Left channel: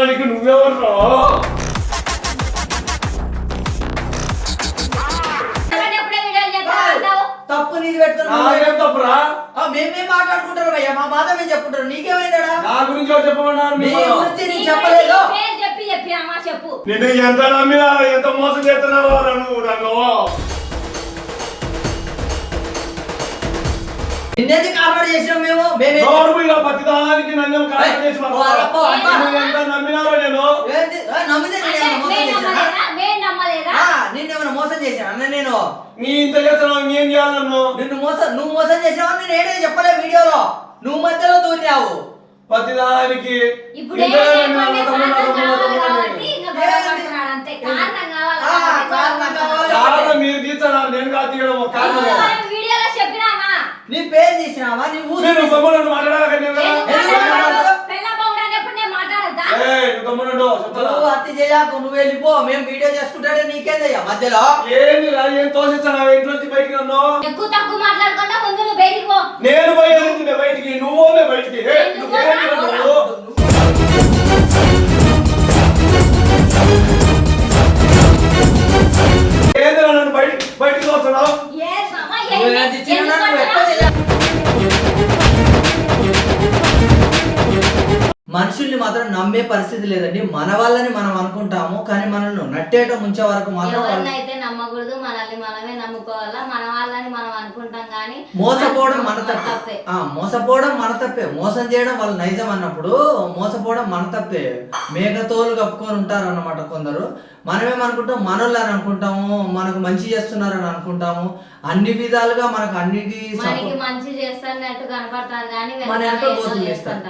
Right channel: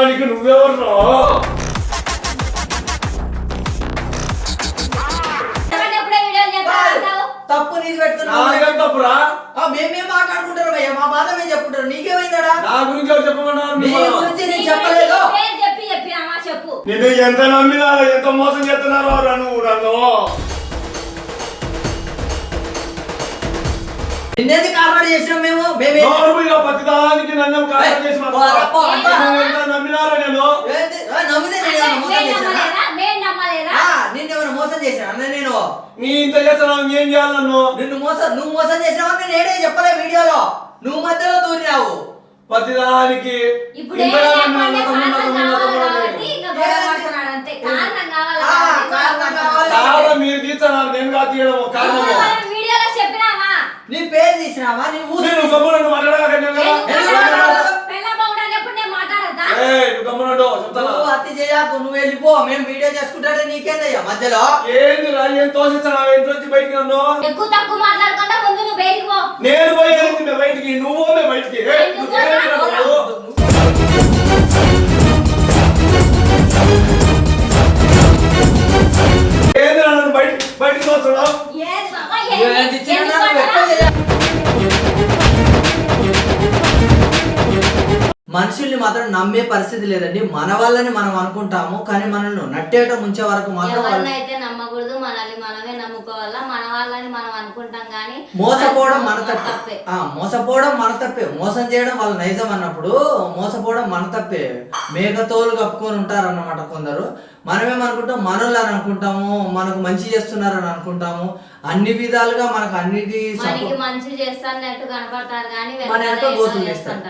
పత్తిదానికి నువ్వెవర్రా? తప్పు నీది పెట్టుకున్నావు. తప్పురా? మేమేం మాట్లాడుకుంటారు భయ్యా, మా బాధ మేము చెప్పుకుంటారు. నీకేమైందా? నా గురించి ఎవరు చెప్పమన్నారు? నీ గురించి నేను చెప్పలేదు. చెప్పు. నేను ఎంత నమ్మినా ఎంత మోసం చేస్తున్నావో నన్ను నిన్నెంది కాపాడు చేసినాం మేము. పత్తిదానికి నన్ను కారణం చేసి ఎంత నమ్మినారో నేను నమ్మితే నిన్నేమైనా మోసం చేశాను అన్న నేను? నీ ఇంత చేస్తున్నావు ఏం చేయాలి నన్ను? నువ్వు మోసం చేసినావు నేను ఏడే చెప్పలే వీడియోలో. నువ్వు మధ్యలో దూరినావు. పత్తిదానికి మీరు తీర్చన్నారు, నేను కాదు తీయడం కారణం. నీ పేరు తీసినావా? నీ అతి చేయకు, నువ్వు వెళ్ళిపో. మేము వీడియో చేసుకుంటే నీకేందయ్యా మధ్యలో? ఏంది ఏం తోసిస్తున్నావు? ఇంట్లో బయటికి నన్ను ఎక్కువ తక్కువ మాట్లాడకుండా ముందు నువ్వు బయటికి పో. నేను పోయి బయటికి, నువ్వు బయటికి. ఏంది నన్ను బయటికి తోస్తున్నావు? మనుషుల్ని మాత్రం నమ్మే పరిస్థితి లేదండి. మన వాళ్ళని మనం అనుకుంటాము, కానీ మనల్ని నట్టేట ముంచే వరకు మాత్రం అయితే నమ్మకూడదు. మనల్ని మనమే నమ్ముకోవాలా. మన వాళ్ళని మనం అనుకుంటాం కానీ మోసపోవడం మన తప్పే. మోసపోవడం మన తప్పే. మోసం చేయడం వాళ్ళ నైజం అన్నప్పుడు మోసపోవడం మన తప్పే. మేకతోలు కప్పుకొని ఉంటారు అన్నమాట కొందరు. మనమేమనుకుంటాం, మనోళ్ళని అనుకుంటాము, మనకు మంచి చేస్తున్నారని అనుకుంటాము. అన్ని విధాలుగా మనకు అన్నిటి మంచి చేస్తారన్నట్టు కనపడతారు కానీ మన వెనక గోతులు తీస్తారు.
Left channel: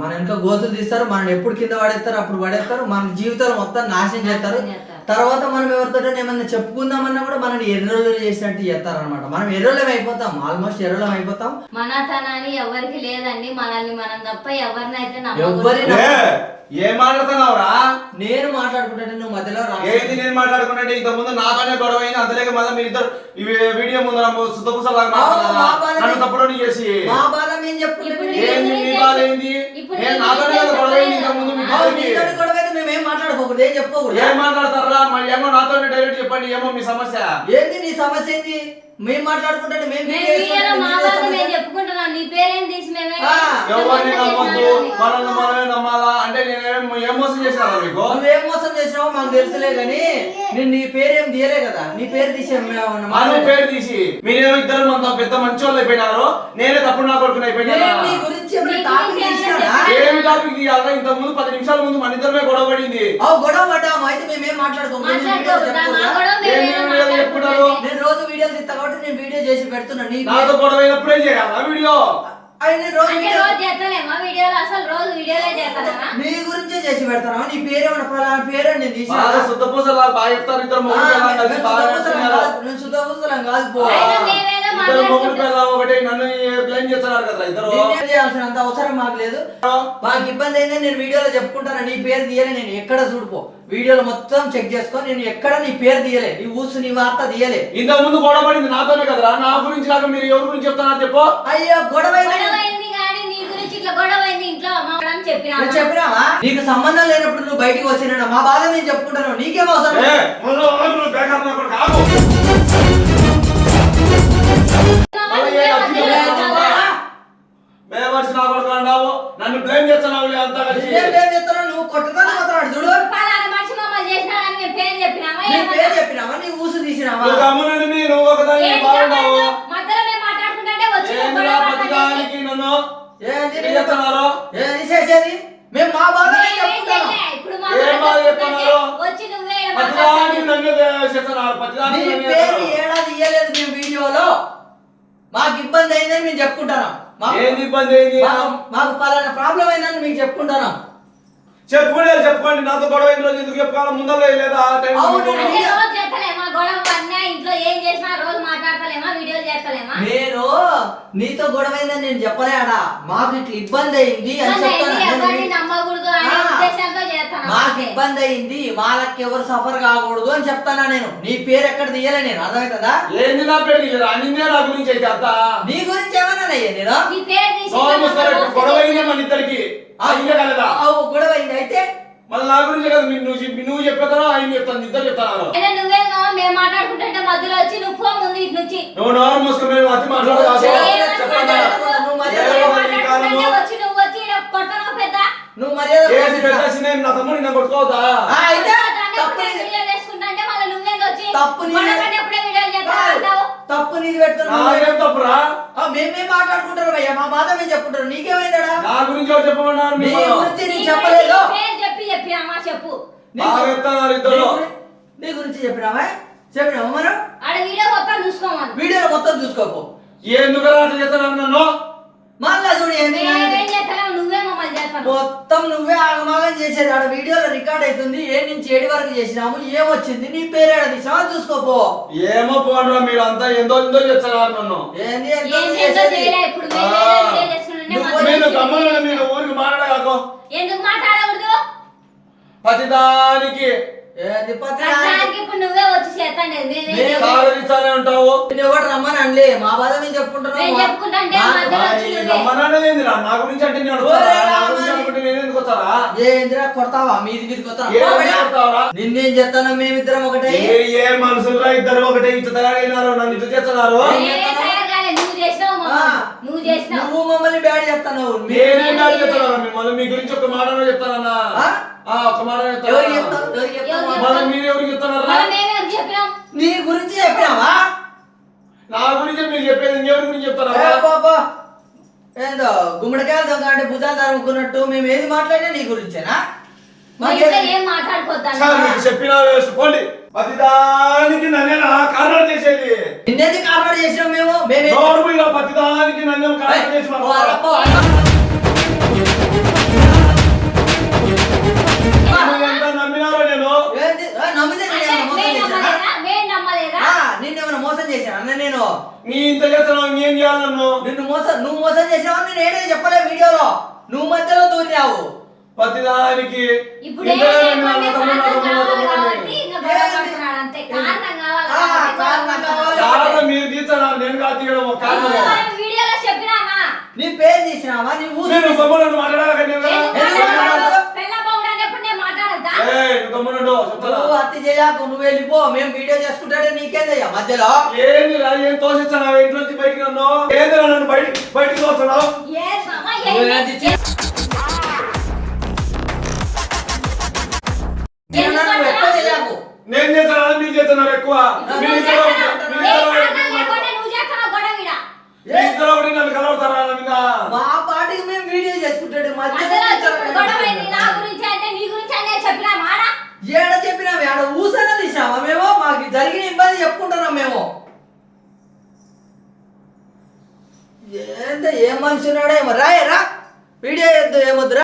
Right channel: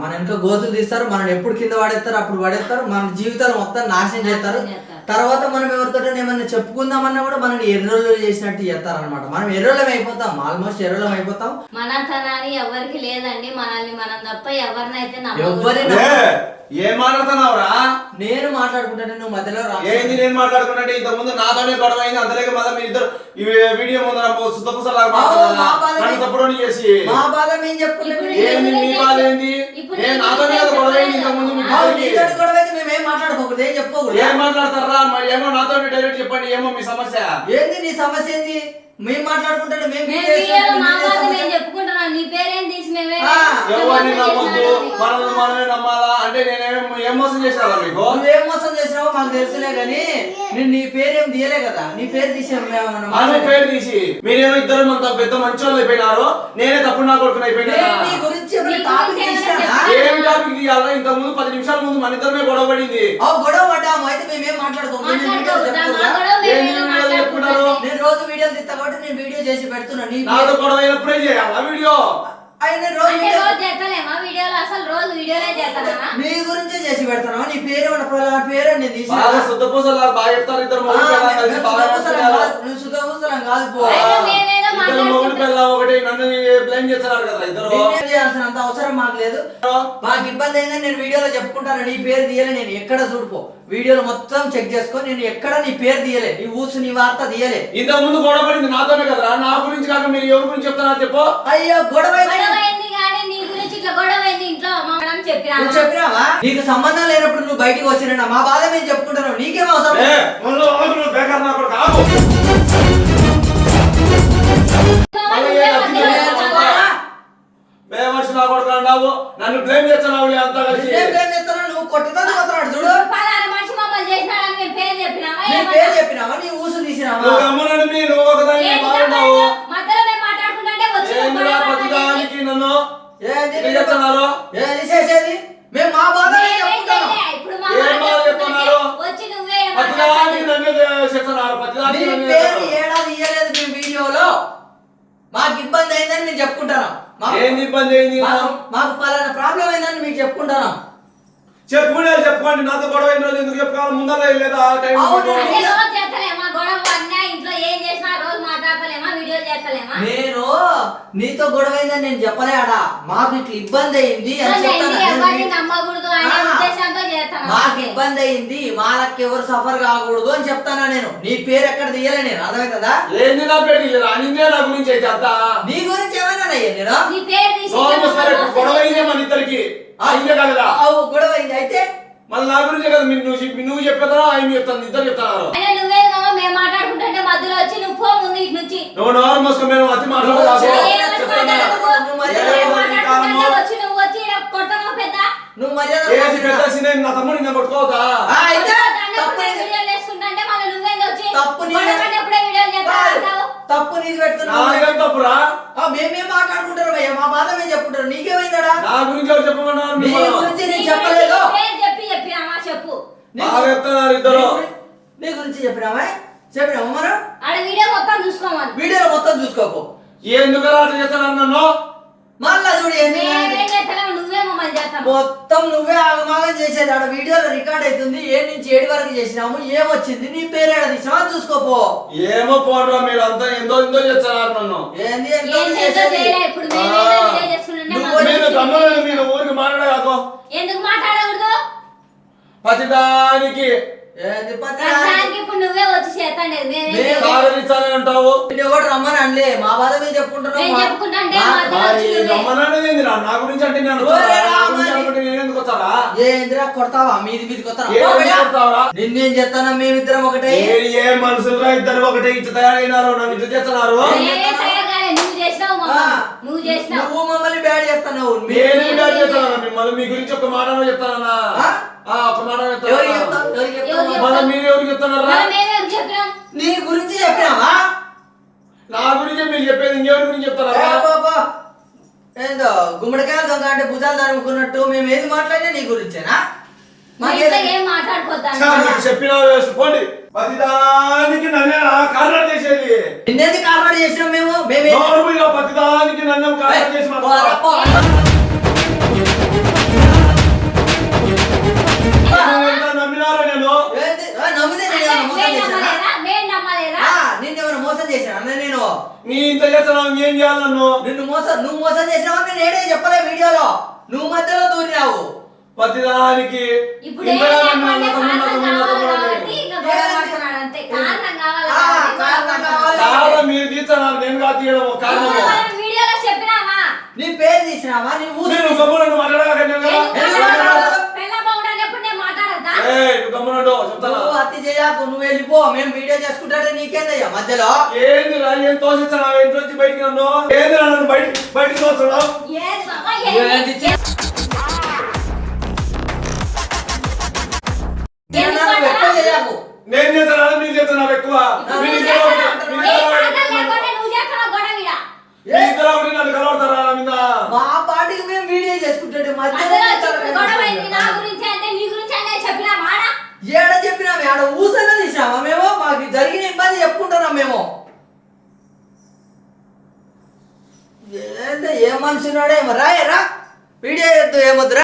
మన వెనక గోతులు తీస్తారు. మనం ఎప్పుడు కింద పడేస్తారు అప్పుడు పడేస్తారు. మన జీవితాలు మొత్తం నాశనం చేస్తారు. తర్వాత మనం ఎవరితో ఏమన్నా చెప్పుకుందామన్నా కూడా మనల్ని ఎర్రోళ్ళు చేసినట్టు చేస్తారు అనమాట. మనం ఎర్రోళ్ళం అయిపోతాం, ఆల్మోస్ట్ ఎర్రోళ్ళం అయిపోతాం. మనతనాన్ని ఎవరికి లేదండి. మనల్ని మనం తప్ప ఎవరినైతే ఏం మాట్లాడుతున్నావురా? నేను మాట్లాడుకుంటాను, నువ్వు మధ్యలో ఏంది నేను మాట్లాడుకుంటే? ఇంత ముందు నాతోనే గొడవ అయింది. అంతలేక మళ్ళీ మీ ఇద్దరు వీడియో ముందు తప్పుడు చేసి మా బాధ మేము చెప్పుకోలేదు. నాతోనే గొడవ అయింది. ఇంత ముందు గొడవ అయితే మేమేం మాట్లాడుకోకూడదు, ఏం చెప్పుకోకూడదు. ఏం మాట్లాడతారా? మరి ఏమో నాతోనే డైరెక్ట్ చెప్పండి. ఏమో మీ సమస్య ఏంది? నీ సమస్య ఏంది? మేము మాట్లాడుకుంటాను, మేము చెప్పుకుంటున్నాం. నీ పేరేం తీసి ఎవరిని నమ్మొద్దు, మనల్ని మనమే నమ్మాలా అంటే ఏం మోసం చేసినా మీకు? నువ్వేం మోసం చేసినావో మాకు తెలుసులే గానీ నేను నీ పేరేం తీయలే కదా. నీ పేరు తీసి పేరు తీసి మీరేమో ఇద్దరు అంత పెద్ద మంచోళ్ళు అయిపోయినారు. నేనే తప్పుడు నా కొడుకుని అయిపోయినా. నీ గురించి ఏం టాపిక్ తీయాలా? ఇంత ముందు 10 నిమిషాల ముందు మన ఇద్దరమే గొడవ పడింది. గొడవ పడ్డాము. అయితే మేమేం మాట్లాడుకోము. చెప్పుకుంటారు. నేను రోజు వీడియోలు తీస్తా కాబట్టి నేను వీడియో చేసి పెడుతున్నా. నాతో గొడవ అయినప్పుడే చేయాలా వీడియో? నీ గురించే చేసి పెడతానా? నీ పేరేమన్నా పేరు నేను తీసి శుద్ధపూసలా బాగా చెప్తారు. ఇద్దరు శుద్ధపూసలం కాదు. ఒకటి నన్ను బ్లేమ్ చేస్తున్నారు కదా ఇద్దరు. చేయాల్సినంత అవసరం మాకు లేదు. మాకు ఇబ్బంది అయిందని నేను వీడియోలో చెప్పుకుంటాను. నీ పేరు తీయలే. నేను ఎక్కడ చూడుకో వీడియోలో మొత్తం చెక్ చేసుకో. నేను ఎక్కడ నీ పేరు తీయలే, నీ ఊసు నీ వార్త తీయలే. ఇంత ముందు గొడవ పడింది నాతోనే కదరా. నా గురించి కాక మీరు ఎవరి గురించి చెప్తారా చెప్పు? అయ్యో గొడవ చెప్పినావా? నీకు సంబంధం లేనప్పుడు నువ్వు బయటికి వచ్చినా మా బాధ నేను చెప్పుకుంటాను. నీకేం అవసరం? నన్ను బ్లేమ్ చేస్తున్నావు. అంతా నువ్వు కొట్టదని పోతున్నాడు చూడు. నీ పేరు చెప్పినావా? నీ ఊసు తీసినావా? చేసేది మేము మా బాధ చెప్పుకుంటాను. పేరు ఏడాది ఇయ్యలేదు మేము వీడియోలో. మాకు ఇబ్బంది అయిందని మేము చెప్పుకుంటాను. మాకు పలానా ప్రాబ్లం అయిందని మీకు చెప్పుకుంటాను. చెప్పుకోండి. నాతో గొడవ అయిన రోజు ఎందుకు చెప్పుకోవాలి? ముందర లేదా నేను నీతో గొడవ అయిందని నేను చెప్పలే. ఆడా మాకు ఇట్లా ఇబ్బంది అయింది అని చెప్తాను. మాకు ఇబ్బంది అయింది, మాకు ఎవరు సఫర్ కాకూడదు అని చెప్తానా నేను. నీ పేరు ఎక్కడ తీయలే నేను. అర్థమవుతుందా? ఏంది నా పేరు తీయలేదు? అనిందే నా గురించి అయితే అంత. నీ గురించి ఏమన్నా నేను గొడవ అయింది మన ఇద్దరికి. గొడవ అయింది. అయితే మళ్ళీ నా గురించి కదా నువ్వు చెప్పేదా ఆయన చెప్తాను ఇద్దరు చెప్తాను. అయినా నువ్వే కావా మేము మాట్లాడుకుంటుంటే మధ్యలో వచ్చి నువ్వు పో ముందు ఇటు నుంచి. నువ్వు నోరు మూసుకుని మేము అతి మాట్లాడదు. వచ్చి నువ్వు వచ్చి కొట్టను పెద్ద నువ్వు మర్యాద నా తమ్ముడు నేను కొట్టుకోవద్దా? తప్పు నీది పెడుతున్నావు. తప్పురా మేమేం మాట్లాడుకుంటారు భయ్యా, మా బాధ మేము చెప్పుకుంటారు. నీకేమైందడా? నా గురించి ఎవరు చెప్పమన్నారు? నీ గురించి నేను చెప్పలేదు. చెప్పు నీ గురించి చెప్పినావా మనం వీడియో మొత్తం చూసుకోమని. వీడియోలో మొత్తం చూసుకోకు. ఎందుకు అట్లా చేస్తాను నన్ను? మళ్ళా చూడు నువ్వే మమ్మల్ని చేస్తావు. మొత్తం నువ్వే ఆగమాగం చేసేది. ఆడ వీడియోలో రికార్డ్ అవుతుంది. ఏడు నుంచి 7 వరకు చేసినాము, ఏమొచ్చింది, నీ పేరు ఏడ తీసినావా చూసుకోపో. ఏమో పోండ్రా మీరు అంతా ఎంతో ఎంతో చేస్తున్నారు నన్ను. ఏంది మీరు ఊరికి మాట్లాడదు. ఎందుకు మాట్లాడకూడదు? ప్రతిదానికి ఇప్పుడు నువ్వే వచ్చి చేస్తాండి. అంటావు. ఎవరు రమ్మని అనలే, మా బాధ మేము చెప్పుకుంటున్నాం. రమ్మనేది నా గురించి అంటే నేను ఎందుకు వస్తారా? ఏంద్రా కొడతావా? మీది కొడతావా? నిన్నేం చేస్తాను? మేమిద్దరం ఒకటే. ఏ మనుషులు ఇద్దరు ఒకటే ఇటు తయారైనారు, నన్ను ఇటు చేస్తున్నారు. నువ్వు మమ్మల్ని బ్యాడ్ చేస్తున్నావు. మిమ్మల్ని మీ గురించి ఒక మాట చెప్తానన్నా. ఒక మాట మీరు ఎవరికి చెప్తున్నారా? నీ గురించి చెప్పినావా? నా గురించి మీరు చెప్పేది ఇంకెవరి గురించి చెప్తారా? ఏందో గుమ్మడికాయలు దొంగ అంటే భుజాలు తరుముకున్నట్టు మేము ఏది మాట్లాడినా నీ గురించేనా? చెప్పినా వేసుకోండి. ప్రతిదానికి నన్ను కారణం చేసేది. నిన్నెందుకు కారణం చేసినాం మేము? ప్రతిదానికి నన్ను కారణం చేసి నమ్మినారా? నిన్నేమైనా మోసం చేశాను అన్న నేను? నీ ఇంత చేస్తున్నావు ఏం చేయాలి నన్ను? నువ్వు మోసం చేసినావు నేను ఏడే చెప్పలే వీడియోలో. నువ్వు మధ్యలో దూరినావు. ప్రతిదానికి మీరు తీస్తున్నారు, నేను కాదు తీయడం కారణం. నీ పేరు తీసినావా? నీ అతి చేయకు, నువ్వు వెళ్ళిపో. మేము వీడియో చేసుకుంటే నీకేందయ్యా మధ్యలో? ఏంది ఏం తోసిస్తున్నావు? ఇంట్లో నుంచి బయటకు నన్ను ఏంది నన్ను బయటకు తోస్తున్నావు? నేను చేస్తాను, మీరు చేస్తున్నారు ఎక్కువ. నన్ను కలవతారా? మా పాటికి మేము వీడియో చేసుకుంటే ఏడ చెప్పినాము? ఆడ ఊసన్న తీసినామా మేము? మాకు జరిగిన ఇబ్బంది చెప్పుకుంటున్నాం మేము. ఏందో ఏం మనిషి ఉన్నాడో ఏమో. రా వీడియో ఏమొద్దురా.